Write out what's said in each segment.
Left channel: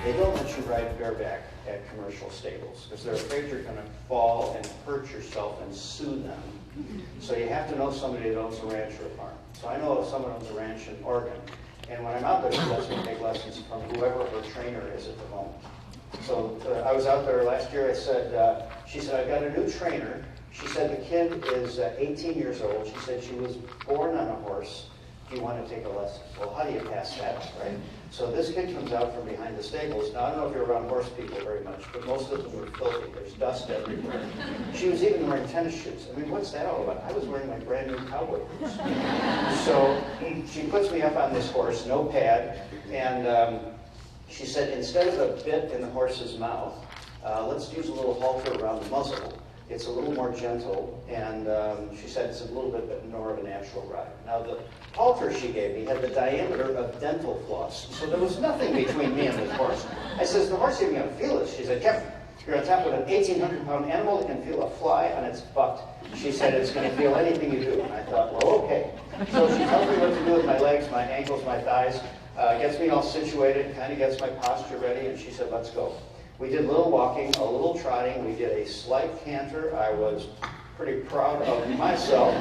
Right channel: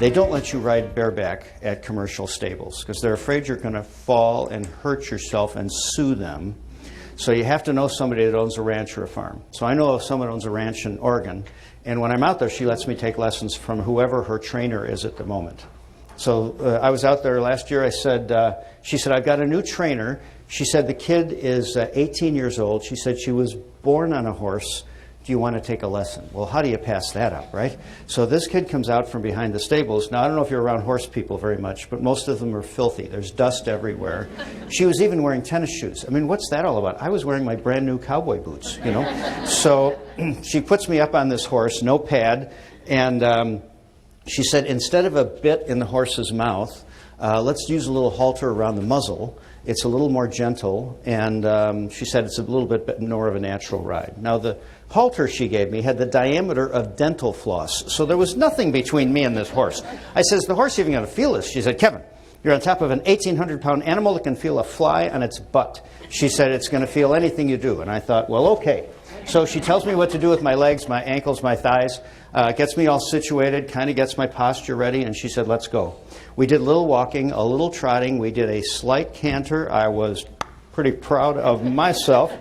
They don't let you ride bareback at commercial stables because they're afraid you're going to fall and hurt yourself and sue them. So you have to know somebody that owns a ranch or a farm. So I know if someone owns a ranch in Oregon, and when I'm out there, she lets me take lessons from whoever her trainer is at the moment. So I was out there last year. She said, I've got a new trainer. She said, the kid is 18 years old. She said she was born on a horse. Do you want to take a lesson? Well, how do you pass that up, right? So this kid comes out from behind the stables. Now, I don't know if you're around horse people very much, but most of them are filthy. There's dust everywhere. She was even wearing tennis shoes. I mean, what's that all about? I was wearing my brand new cowboy boots, you know? So she puts me up on this horse, no pad, and she said, instead of a bit in the horse's mouth, let's use a little halter around the muzzle. It's a little more gentle, and she said it's a little bit more of a natural ride. Now, the halter she gave me had the diameter of dental floss, so there was nothing between me and this horse. I said, is the horse even going to feel this? She said, Kevin, you're on top of an 1,800-pound animal that can feel a fly on its butt. She said, it's going to feel anything you do. And I thought, well, okay. So she tells me what to do with my legs, my ankles, my thighs, gets me all situated, kind of gets my posture ready, and she said, let's go. We did a little walking, a little trotting. We did a slight canter. I was pretty proud of myself.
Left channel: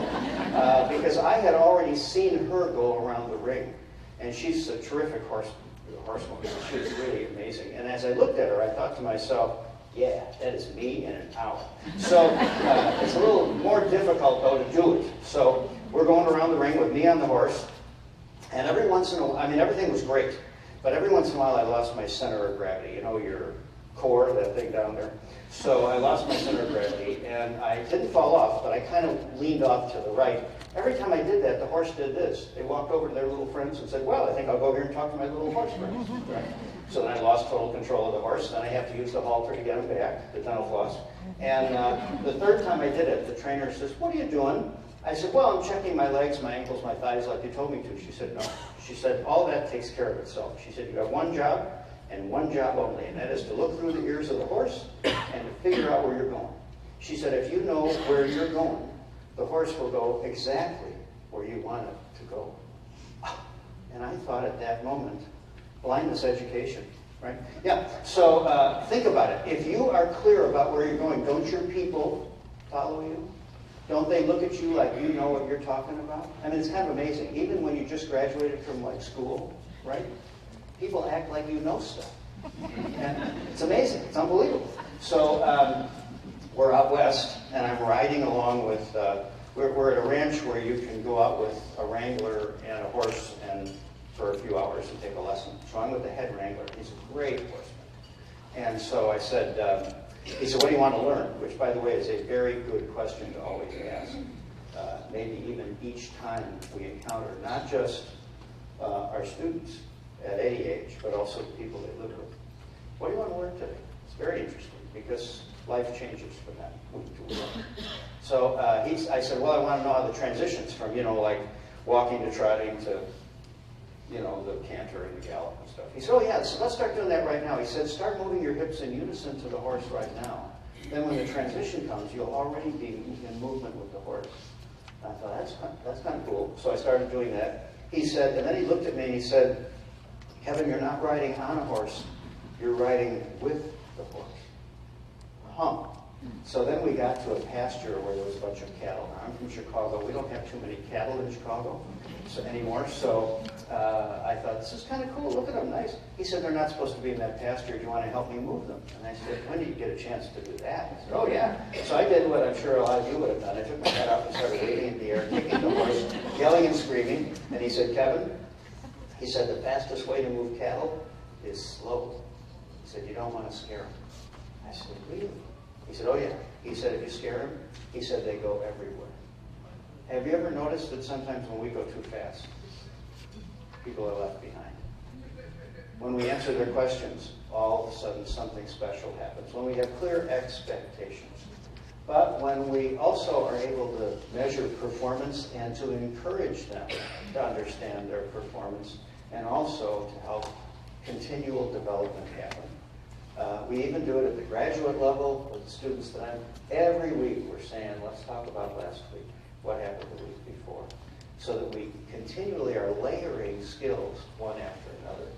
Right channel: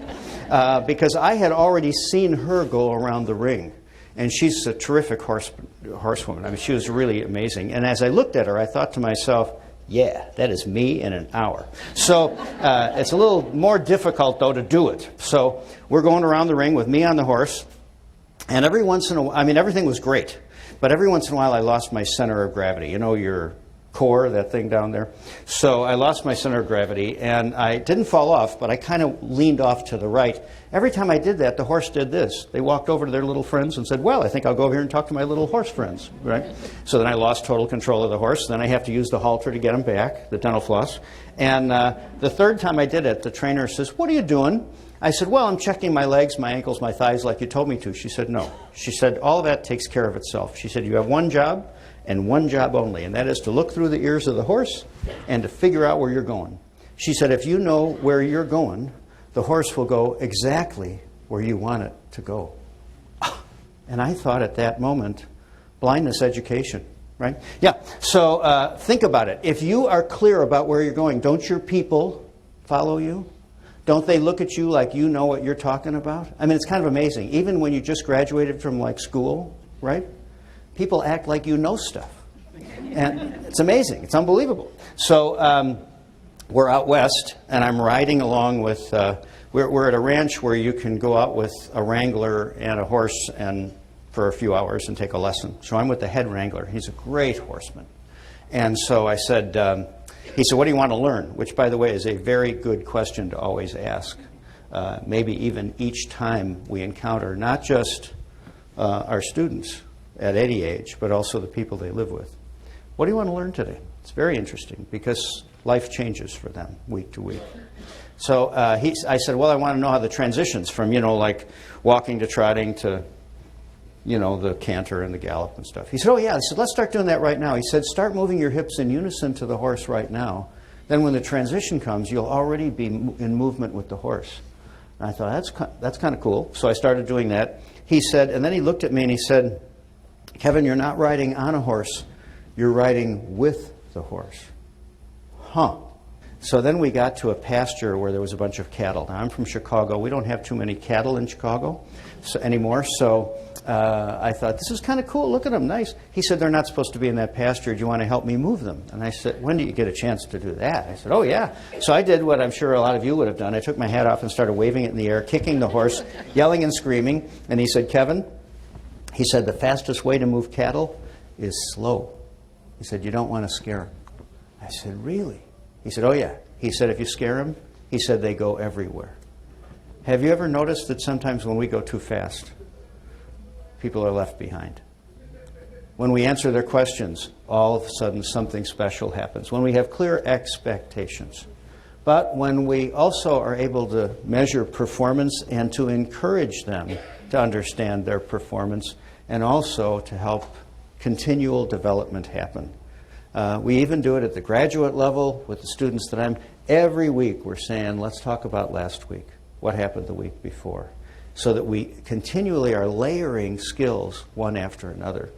Because I had already seen her go around the ring. And she's a terrific horsewoman. I mean, she was really amazing. And as I looked at her, I thought to myself, yeah, that is me in an hour. So it's a little more difficult, though, to do it. So we're going around the ring with me on the horse. And every once in a while, I mean, everything was great. But every once in a while, I lost my center of gravity. You know, your core, that thing down there. So I lost my center of gravity, and I didn't fall off, but I kind of leaned off to the right. Every time I did that, the horse did this. They walked over to their little friends and said, well, I think I'll go over here and talk to my little horse friends, right? So then I lost total control of the horse. Then I have to use the halter to get him back, the dental floss. And the third time I did it, the trainer says, what are you doing? I said, well, I'm checking my legs, my ankles, my thighs like you told me to. She said, no. She said, all that takes care of itself. She said, you have one job, and one job only, and that is to look through the ears of the horse and to figure out where you're going. She said, if you know where you're going, the horse will go exactly where you want it to go. And I thought at that moment, blindness education, right? Yeah, so think about it. If you are clear about where you're going, don't your people follow you? Don't they look at you like you know what you're talking about? I mean, it's kind of amazing. Even when you just graduated from like school, right? People act like you know stuff. And it's amazing. It's unbelievable. So we're out west, and I'm riding along with, we're at a ranch where you can go out with a wrangler and a horse and for a few hours and take a lesson. So I'm with the head wrangler. He's a great horseman. And so I said, he said, what do you want to learn? Which, by the way, is a very good question to always ask. Maybe even each time we encounter not just our students at any age, but also the people they live with. What do you want to learn today? It's very interesting because life changes for them week to week. So I said, well, I want to know how the transitions from, you know, like walking to trotting to, you know, the canter and the gallop and stuff. He said, oh, yeah. I said, let's start doing that right now. He said, start moving your hips in unison to the horse right now. Then when the transition comes, you'll already be in movement with the horse. And I thought, that's kind of cool. So I started doing that. He said, and then he looked at me and he said, Kevin, you're not riding on a horse. You're riding with the horse. Huh. So then we got to a pasture where there was a bunch of cattle. Now, I'm from Chicago. We don't have too many cattle in Chicago anymore. So I thought, this is kind of cool. Look at them, nice. He said, they're not supposed to be in that pasture. Do you want to help me move them? And I said, when do you get a chance to do that? I said, oh, yeah. So I did what I'm sure a lot of you would have done. I took my hat off and started waving it in the air, kicking the horse, yelling and screaming. And he said, Kevin, he said, the fastest way to move cattle is slow. He said, you don't want to scare them. I said, really? He said, oh, yeah. He said, if you scare them, he said, they go everywhere. Have you ever noticed that sometimes when we go too fast, people are left behind? When we answer their questions, all of a sudden something special happens. When we have clear expectations. But when we also are able to measure performance and to encourage them to understand their performance and also to help continual development happen. We even do it at the graduate level with the students that I'm Every week we're saying, let's talk about last week, what happened the week before, so that we continually are layering skills one after another.